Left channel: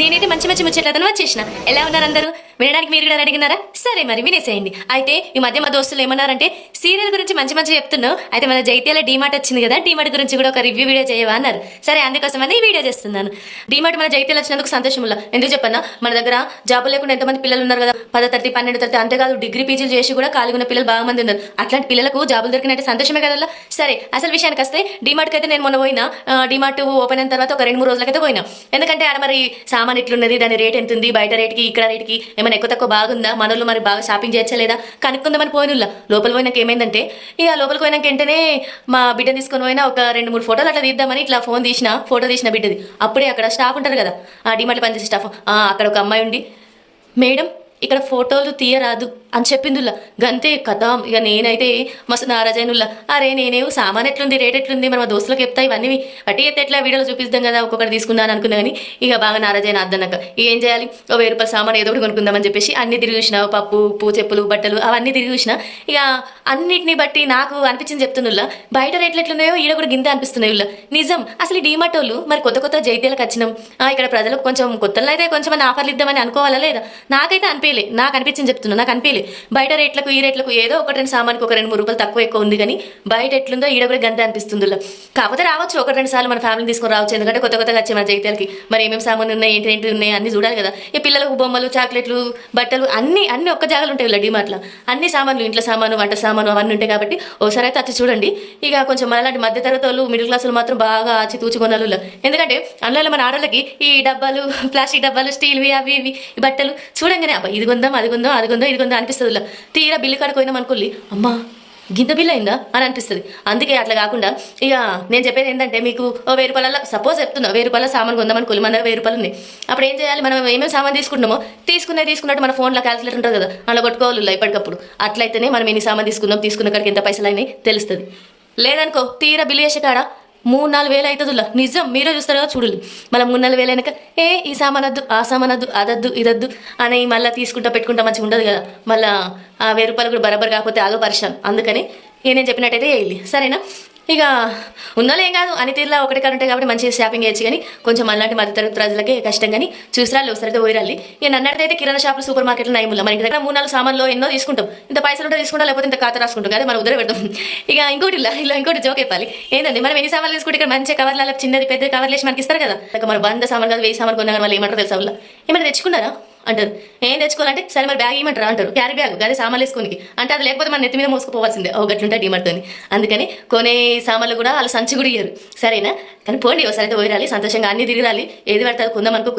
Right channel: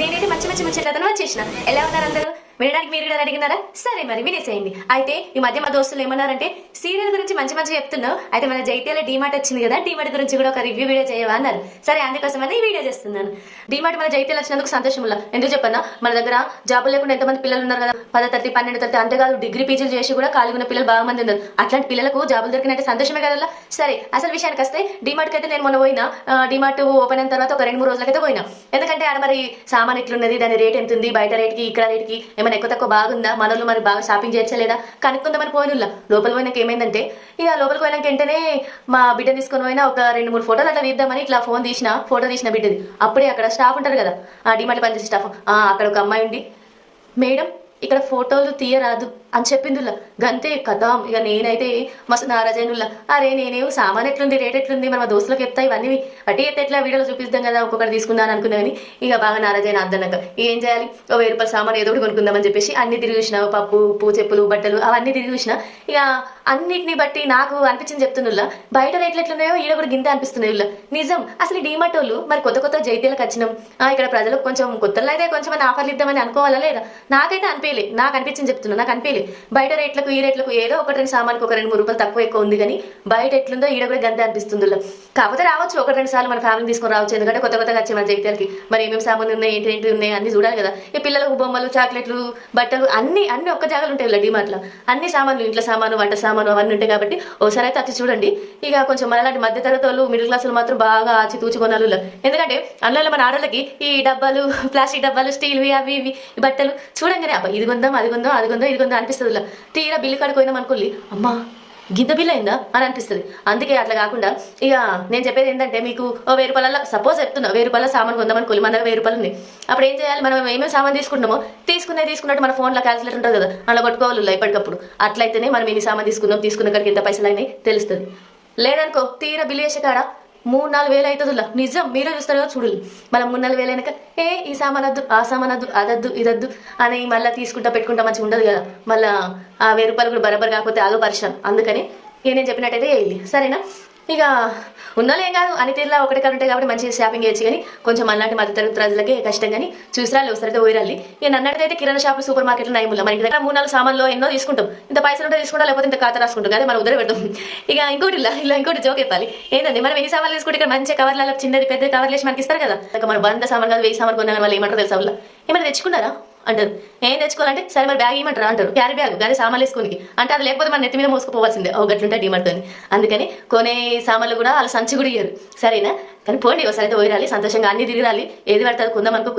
నేనైతే మంచి మంచి ముచ్చట్లతో వచ్చేసిన. ఎలా ఉన్నారు అందరూ? వినడానికి మీరు కూడా అడిగినారా? సరే మరి వినేసేయండి. అయితే ఈ మధ్య మా దోస్తులు ఏమన్నారంటే సీరియల్ గురించి మంచి మంచి చెప్తున్నావు, అయితే మన జైత్యాల డీమార్ట్ వచ్చింది కదా, డీమార్ట్ గురించి కూడా ఒక రివ్యూ వీడియో చేయవా అన్నారు. సరే అందుకోసమని ఈ వీడియో చేస్తున్నాను. డీమార్ట్ మన జైత్యాలు వచ్చినందుకు సంతోషంలా. ఎందుకు చెప్పన్నా, మన దగ్గర జాబులు లేకుండా ఎంతమంది పిల్లలు ఉన్నారు కదా, 10 తరగతి 12 తరగతి అంతేకాదు డిగ్రీ పీజీలు చేసి కూడా ఖాళీగా ఉన్న పిల్లలు బాగా మంది ఉన్నారు. అట్లాంటి పిల్లలకు జాబులు దొరికినట్టే సంతోషమే కదా. సరే అసలు విషయానికి వస్తే డీమార్ట్కి అయితే నేను మొన్న పోయినా, డీమార్ట్ ఓపెన్ అయిన తర్వాత ఒక 2-3 రోజులకైతే పోయినా. ఎందుకంటే ఆడ మరి సామాన్ ఎట్లున్నది, దాని రేట్ ఎంత ఉంది, బయట రేట్కి ఇక్కడ రేట్కి ఏమైనా ఎక్కువ తక్కువ బాగుందా, మనలో మరి బాగా షాపింగ్ చేయచ్చలేదా కనుక్కుందామని పోయినుల్లా. లోపల పోయినాక ఏమైందంటే, ఇక లోపలికి పోయినాక వెంటనే మా బిడ్డను తీసుకొని పోయినా ఒక 2-3 ఫోటోలు అట్లా తీద్దామని ఇట్లా ఫోటో తీసిన బిడ్డది. అప్పుడే అక్కడ స్టాఫ్ ఉంటారు కదా, ఆ డిమార్ట్ పనిచేసే స్టాఫ్, అక్కడ ఒక అమ్మాయి ఉండి, మేడం ఇక్కడ ఫోటోలు తీయరాదు అని చెప్పిందిలా. గంతే కథ. ఇక నేనైతే మస్తు నారాజైనుల్లా. అరే నేనేమో సామాన్ ఎట్లుంది, రేట్ ఎట్లుంది, మరి మా దోస్తులకు చెప్తా, ఇవన్నీ బట్టి అయితే ఎట్లా వీడియోలో చూపిస్తాం కదా, ఒక్కొక్కటి తీసుకున్నాను అనుకున్నా. కానీ ఇక బాగా నారాజైన అద్దనక ఏం చేయాలి, 1000 రూపాయల సామాన్ ఏదో ఒకటి కొనుక్కుందామని చెప్పేసి అన్ని తిరిగి చూసిన, పప్పు ఉప్పు చెప్పులు బట్టలు అవన్నీ తిరిగి చూసిన. ఇక అన్నిటిని బట్టి నాకు అనిపించింది చెప్తున్నా, బయట రేట్లు ఎట్లున్నాయో ఈడ కూడా గింత అనిపిస్తున్నాయి ఉల్లా. నిజం. అసలు ఈ డీమార్ట్ వాళ్ళు మరి కొత్త కొత్త జైత్యాలకు వచ్చినాం, ఇక్కడ ప్రజలకు కొంచెం కొత్తలో అయితే కొంచెం ఆఫర్లు ఇద్దామని అనుకోవాలా లేదా? నాకైతే నాకు అనిపించింది చెప్తున్నా, నాకు అనిపించలే. బయట రేట్లకు ఈ రేట్లకు ఏదో ఒక 2 సామాన్కి ఒక 2-3 రూపాయలు తక్కువ ఎక్కువ ఉంది, కానీ బయట ఎట్లుందో ఈడ కూడా గంతే అనిపిస్తుంది. కాకపోతే రావచ్చు 1-2 సార్లు మన ఫ్యామిలీ తీసుకొని రావచ్చు, ఎందుకంటే కొత్త కొత్తగా వచ్చే మన జైత్యాలకి మరి ఏమేమి సామాన్లు ఉన్నాయి, ఏంటి ఉన్నాయి అన్ని చూడాలి కదా. ఈ పిల్లలకు బొమ్మలు, చాక్లెట్లు, బట్టలు అన్ని ఒక్క జాగాలు ఉంటాయి ఇలా డిమార్ట్లో. అన్ని సామాన్లు, ఇంట్లో సామాను, వంట సామాను అవన్నీ ఉంటాయి కాబట్టి ఒకసారి అయితే వచ్చి చూడండి. ఇక కొంచెం అలాంటి మధ్యతరగతి వాళ్ళు, మిడిల్ క్లాసులు మాత్రం బాగా ఆచి తూచి కొనాలి. ఎందుకంటే అందులో మన ఆడలకి ఈ డబ్బాలు, ప్లాస్టిక్ డబ్బాలు, స్టీల్వి అవి ఇవి బట్టలు చూడంగానే అబ్బా ఇది కొందాం, అది కొందాం, అది కొందాం, ఇది కొందాం అనిపిస్తుంది. తీరా బిల్లు కాడిపోయినాం అనుకోండి, అమ్మా గింత బిల్ అయిందా అని అనిపిస్తుంది. అందుకే అట్లా కాకుండా ఇక నేను చెప్పేది ఏంటంటే, మీకు 1000 రూపాయల సపోజ్ చెప్తున్నా, 1000 రూపాయల సామాన్ కొందామనుకోవాలి, మన దగ్గర 1000 రూపాయలు ఉంది. అప్పుడు ఏం చేయాలి, మనం ఏమేమి సామాన్ తీసుకుంటామో తీసుకున్నట్టు మన ఫోన్లో క్యాల్కులేటర్ ఉంటుంది కదా, అలా కొట్టుకోవాలి ఎప్పటికప్పుడు. అట్లయితేనే మనం ఎన్ని సామాన్ తీసుకున్న కాడికి ఎంత పైసలు అయినాయి తెలుస్తుంది. లేదనుకో తీరా బిల్లు చేసే కాడ 3-4 వేలు అవుతుందిలా. నిజం, మీరే చూస్తారు కదా చూడాలి. మళ్ళీ 3-4 వేలు అయినాక ఈ సామానద్దు, ఆ సామానద్దు, అదద్దు, ఇదద్దు అని మళ్ళీ తీసుకుంటా పెట్టుకుంటా మంచిగా ఉండదు కదా. మళ్ళీ ఆ 1000 రూపాయలు కూడా బరాబర్ కాకపోతే ఆగో పరిశ్రమ. అందుకని నేను చెప్పినట్టయితే వేయాలి, సరేనా? ఇక ఉండాలి ఏం కాదు, అని తీరులా ఒకటి కాదు ఉంటాయి కాబట్టి మంచిగా షాపింగ్ చేయొచ్చు. కానీ కొంచెం అలాంటి మధ్యతరగతి ప్రజలకే కష్టం. కానీ చూసిరాలి ఒకసారితో పోయిరాలి. ఇక నన్నట్టయితే కిరాణా షాపులు, సూపర్ మార్కెట్లు నయముల మనకి దగ్గర 3-4 సామాన్లు ఎన్నో తీసుకుంటాం, ఇంత పైసలు ఉంటే తీసుకుంటాం, లేకపోతే ఇంత ఖాతా రాసుకుంటాం, అదే మనం ఉదర పెడతాం. ఇక ఇంకోటి జోక్ చెప్పాలి ఏంటంటే, మనం ఎన్ని సామాన్లు తీసుకుంటే ఇక్కడ మంచిగా కవర్ల చిన్నది పెద్ద కవర్లు వేసి మనకి ఇస్తారు కదా. మన 100 సామాన్ కాదు 1000 సామాన్ కొన్నా, వాళ్ళు ఏమంటారు తెలుసా, వాళ్ళు ఏమైనా తెచ్చుకున్నారా అంటారు. ఏం తెచ్చుకోవాలంటే సరే మరి బ్యాగ్ ఇవ్వమంటారా అంటారు. క్యారీ బ్యాగ్ కానీ సామాన్లు వేసుకోనికి అంటే, అది లేకపోతే మన నెత్తి మీద మోసుకుపోవాల్సిందే. గట్లుంటే డిమార్ట్తో. అందుకని కొనే సామాన్లు కూడా వాళ్ళ సంచి కూడా ఇయ్యరు, సరేనా? కానీ పోండి ఒకసారి అయితే పోయిరాలి, సంతోషంగా అన్ని తిరిగిరాలి. ఏది పడితే అది కొందాం అనుకో.